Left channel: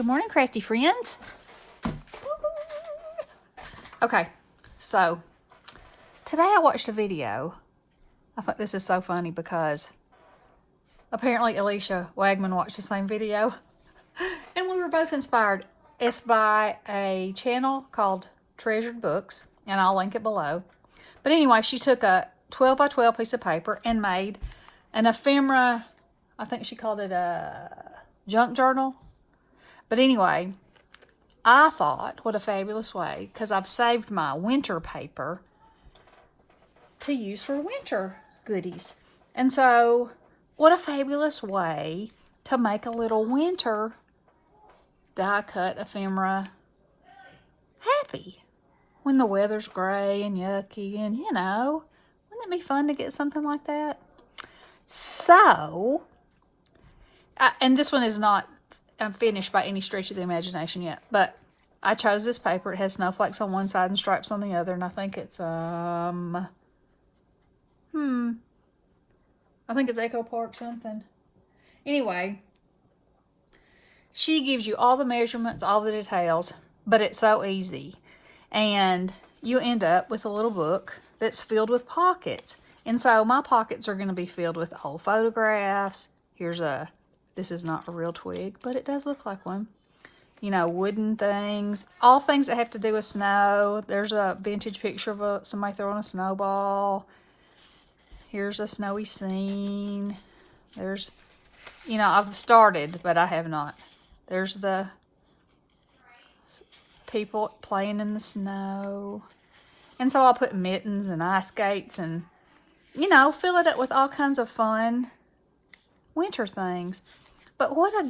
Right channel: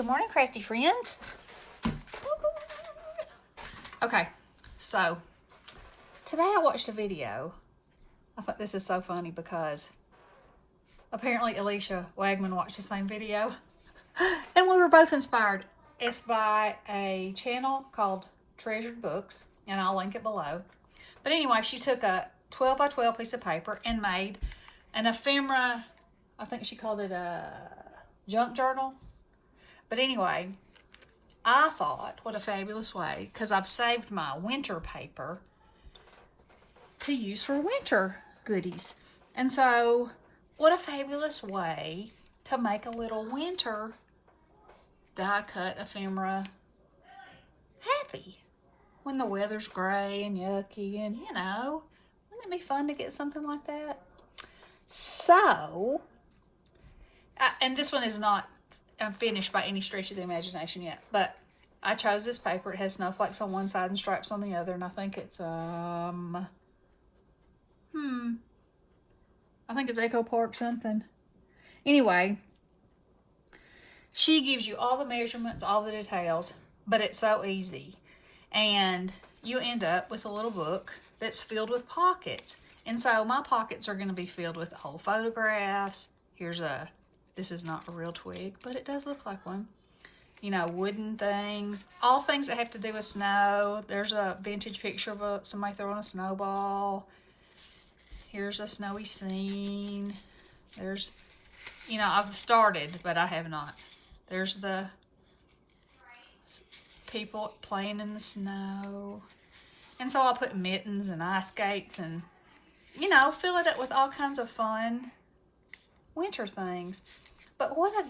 Good morning, crafty friends. Okay, so today I watched a video. I thought this is so funny because apparently Alicia Wagman watched the same video and we were both inspired. It's by a channel called Treasured Books, and I'll link it below. But anyway, she took a 12 by 12 piece of paper and made an ephemera. I think she called it a junk journal. But anyway, I thought, what a fabulous way, because I've saved my winter paper to use for winter goodies. And so, what a fabulous way to make a little winter die-cut ephemera happy. When the weather's gray and yucky and, you know, wouldn't it be fun to get something like that? So, and this one is not finished by any stretch of the imagination yet, but I chose this paper. It has snowflakes on one side and stripes on the other, and I think it's I think it's Echo Park something. Anyway, she gives you all the measurements, all the details, but it's so easy. And you end up with a little book that's filled with pockets. And so my pockets are going to be filled with old photographs. This is not a real twig, but it does look like one. You know, wooden things, all things that have to do with snow. There's a vintage picture of somebody throwing a snowball. Here's a snowy scene. There's, you know, I've started, but I have not. There's the people playing in the snow. And so I'll put mittens and ice skates and, you know, fill it up with all kinds of fun winter things. But what a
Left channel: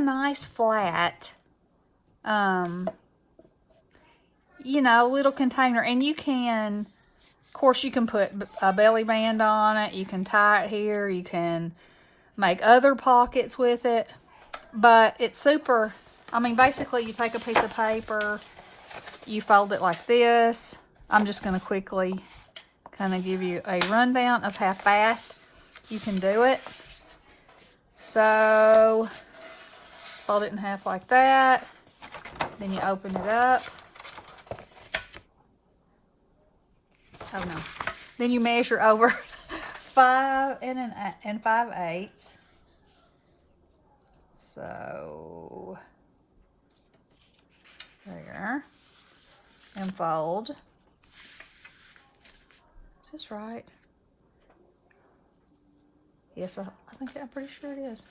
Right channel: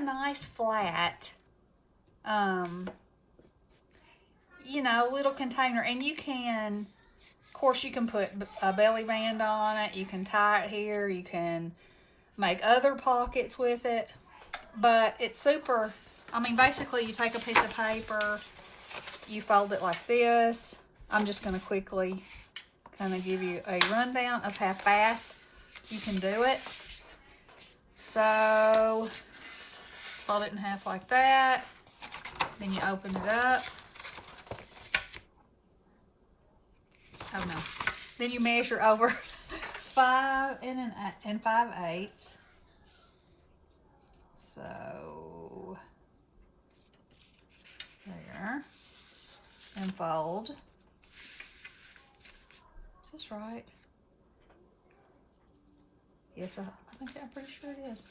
nice flat, you know, little container. And you can, of course, you can put a belly band on it. You can tie it here. You can make other pockets with it. But it's super, I mean, basically you take a piece of paper, you fold it like this. I'm just going to quickly kind of give you a rundown of how fast you can do it. So, fold it in half like that. Then you open it up. Oh no. Then you measure over 5 and 5/8. So, there. And fold. Is this right? Yes, I think I'm pretty sure it is.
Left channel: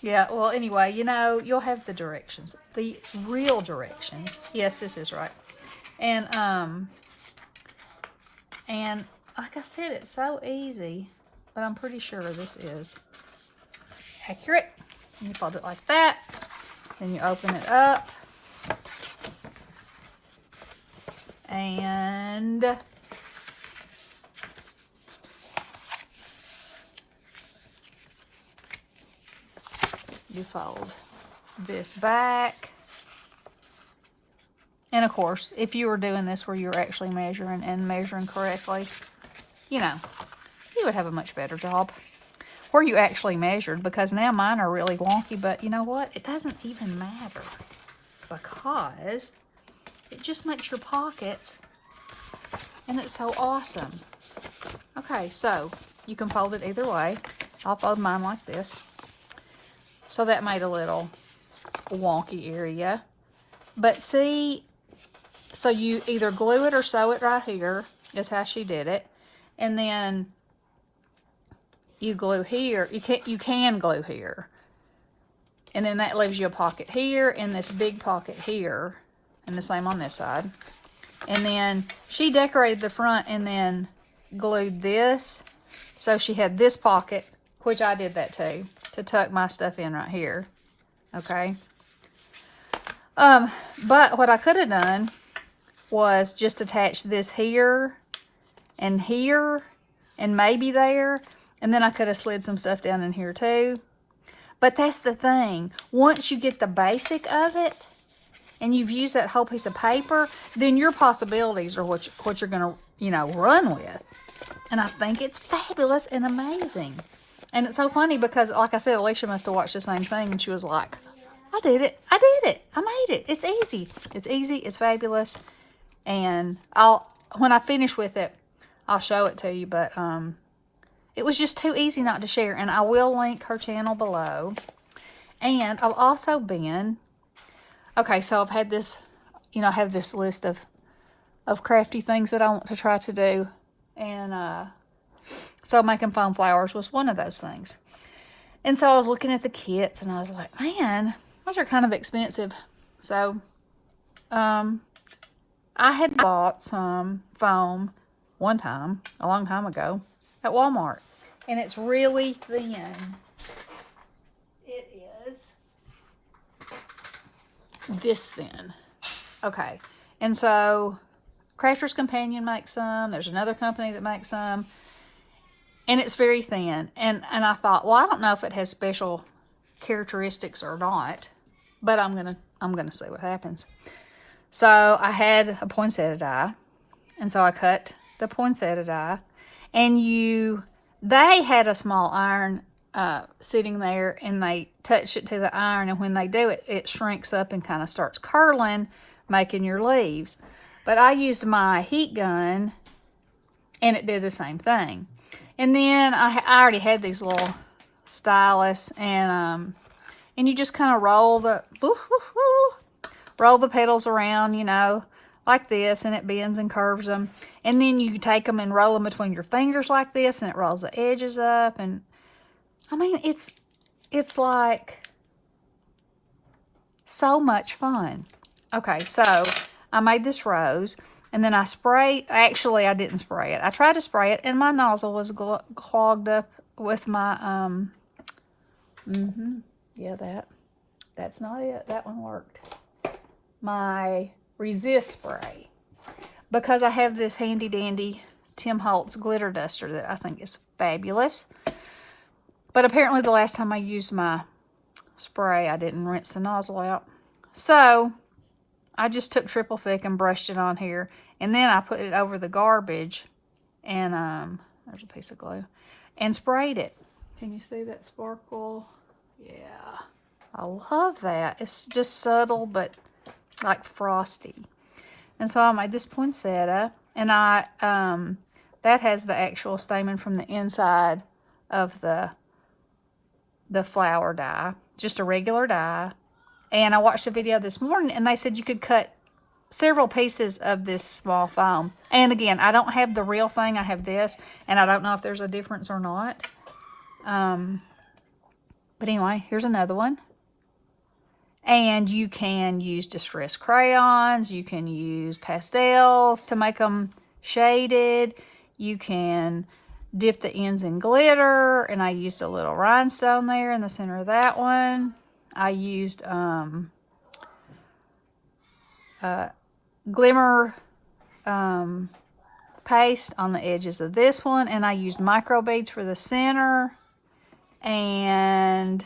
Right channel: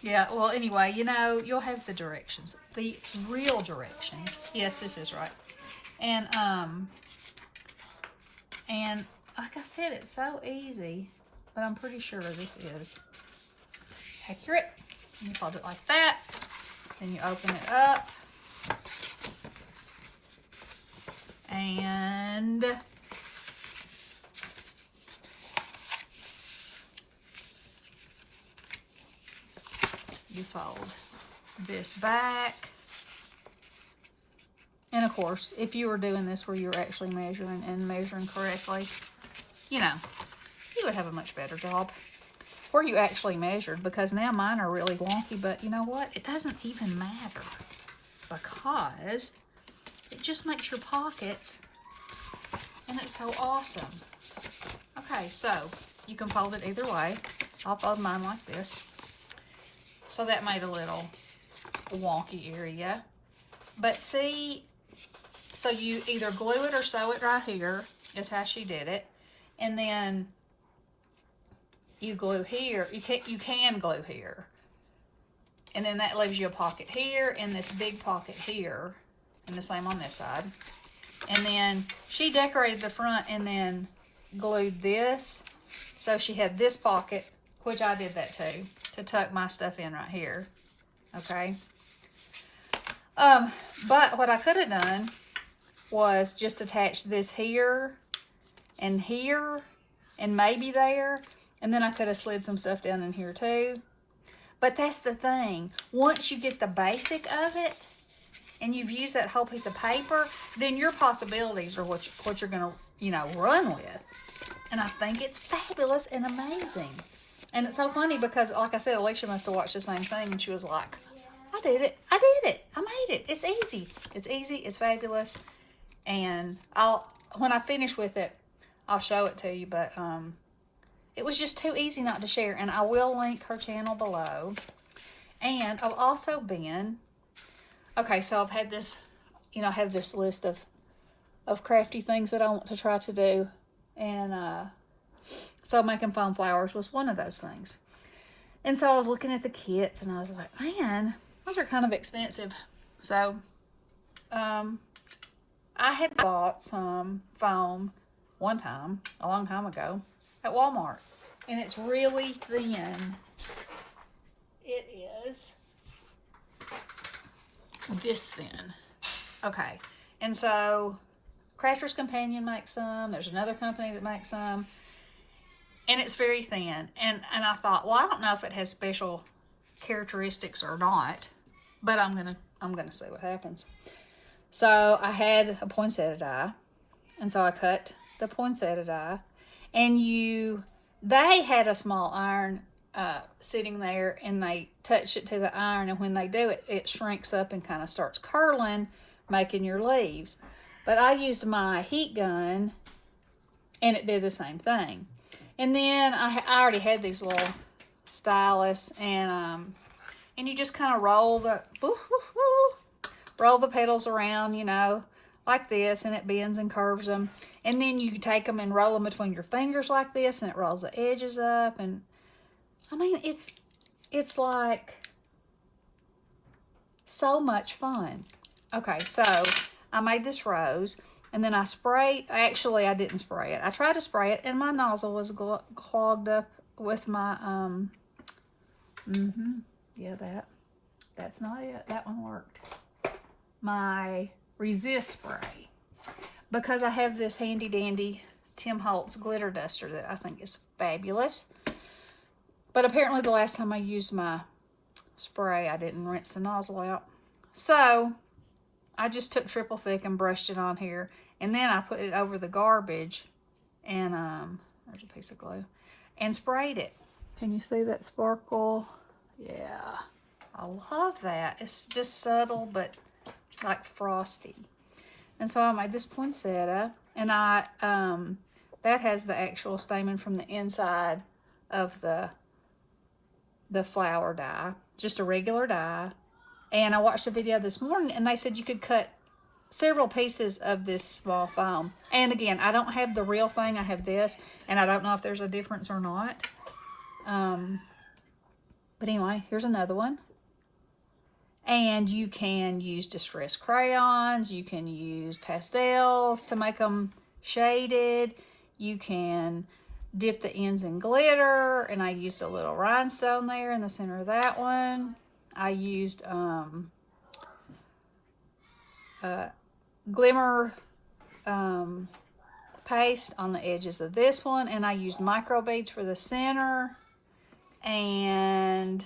Yeah, well, anyway, you know, you'll have the directions. The real directions. Yes, this is right. And like I said, it's so easy, but I'm pretty sure this is accurate. And you fold it like that. Then you open it up. And you fold this back. And of course, if you were doing this where you were actually measuring correctly, you know, you would have a much better job. Where you actually measured, because now mine are really wonky, but you know what? It doesn't even matter because it just makes your pockets, and it's so awesome. Okay, so you can fold it either way. I'll fold mine like this. So that made a little wonky area. But see, so you either glue it or sew it right here, is how she did it. And then you glue here. You can glue here. And then that leaves you a pocket here and this big pocket here. And the same on this side. And then she decorated the front and then glued this. So she had this pocket, which I did that too, to tuck my stuff in right here. Okay. But what I could have done was just attach this here and maybe there. And then I could have slid some stuff down in here too. But that's the thing. Once you get the basic of it and you've used that whole piece of paper, then your possibilities are what you're going to, you know, run with. And I think it's fabulous and amazing. And it's so funny because, like I said, Alicia must have watched the same thing, and she was like, I did it. I made it. It's easy. It's easy. It's fabulous. And when I finish with it, I'll show it to you. But it was just too easy not to share. And I will link her channel below. And I've also been, okay, so I've had this, I have this list of crafty things that I want to try to do. And so making foam flowers was one of those things. And so I was looking at the kits and I was like, man, those are kind of expensive. So I had bought some foam one time, a long time ago, at Walmart. And it's really thin. It is this thin. Okay. And so Crafter's Companion makes some. There's another company that makes some. And it's very thin. And I thought, well, I don't know if it has special characteristics or not, but I'm gonna see what happens. So I had a poinsettia die, and so I cut the poinsettia die, and they had a small iron sitting there, and they touch it to the iron, and when they do it, it shrinks up and kind of starts curling, making your leaves. But I used my heat gun, and it did the same thing. And then I already had these little stylus, and you just kind of roll the petals around, like this, and it bends and curves them. And then you take them and roll them between your fingers like this, and it rolls the edges up. And I mean, it's like so much fun. Okay, so I made this rose. And then I sprayed, actually I didn't spray it. I tried to spray it and my nozzle was clogged up with my, yeah, that's not it. That one worked. My resist spray. Because I have this handy dandy Tim Holtz glitter duster that I think is fabulous. But apparently the last time I used my spray, I didn't rinse the nozzle out. So I just took triple thick and brushed it on here. And then I put it over the garbage and, there's a piece of glue, and sprayed it. Can you see that sparkle? Yeah, I love that. It's just subtle, but like frosty. And so I made this poinsettia, and that has the actual stamen from the inside of the flower die, just a regular die. And I watched a video this morning, and they said you could cut several pieces of this small foam. And again, I don't have the real thing. I have this, and I don't know if there's a difference or not. But anyway, here's another one. And you can use distress crayons. You can use pastels to make them shaded. You can dip the ends in glitter. And I used a little rhinestone there in the center of that one. I used glimmer paste on the edges of this one, and I used micro beads for the center, and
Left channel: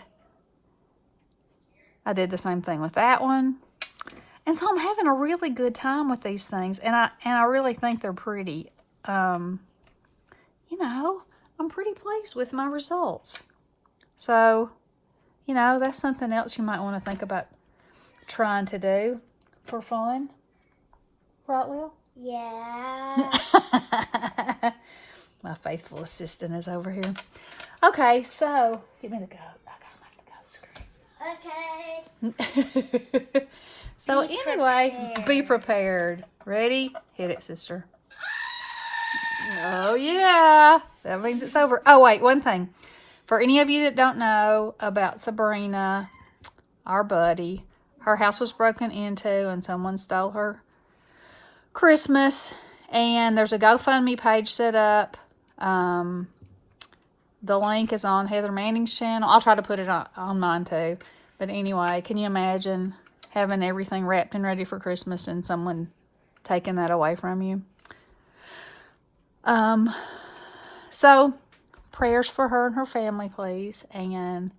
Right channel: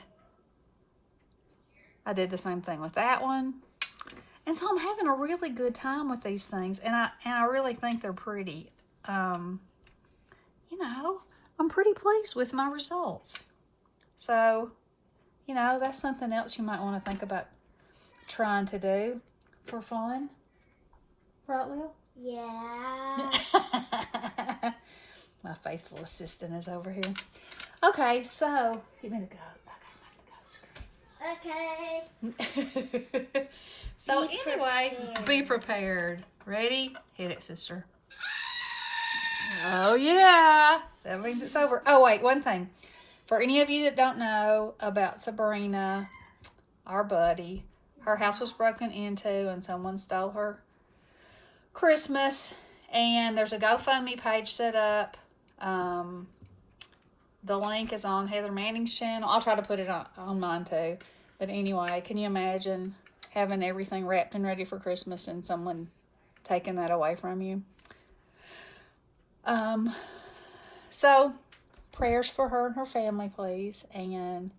I did the same thing with that one. And so I'm having a really good time with these things, and I really think they're pretty. I'm pretty pleased with my results. So, that's something else you might want to think about trying to do for fun. Right, Will? Yeah. My faithful assistant is over here. Okay, so give me the goat. I gotta make the goat scream. Okay. So anyway, be prepared. Ready? Hit it, sister. Oh yeah, that means it's over. Oh wait, one thing. For any of you that don't know about Sabrina, our buddy, her house was broken into and someone stole her Christmas, and there's a GoFundMe page set up. The link is on Heather Manning's channel. I'll try to put it on mine too. But anyway, can you imagine having everything wrapped and ready for Christmas and someone taking that away from you? So prayers for her and her family, please. And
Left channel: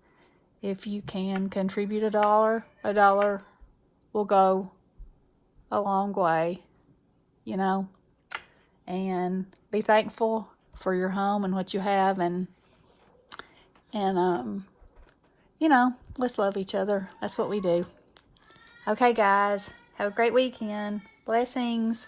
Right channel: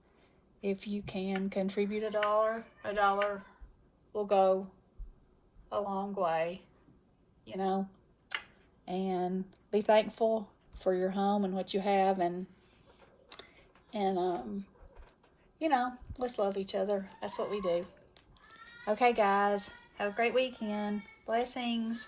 if you can contribute $1 will go a long way. And be thankful for your home and what you have, and And, let's love each other. That's what we do. Okay, guys, have a great weekend. Blessings.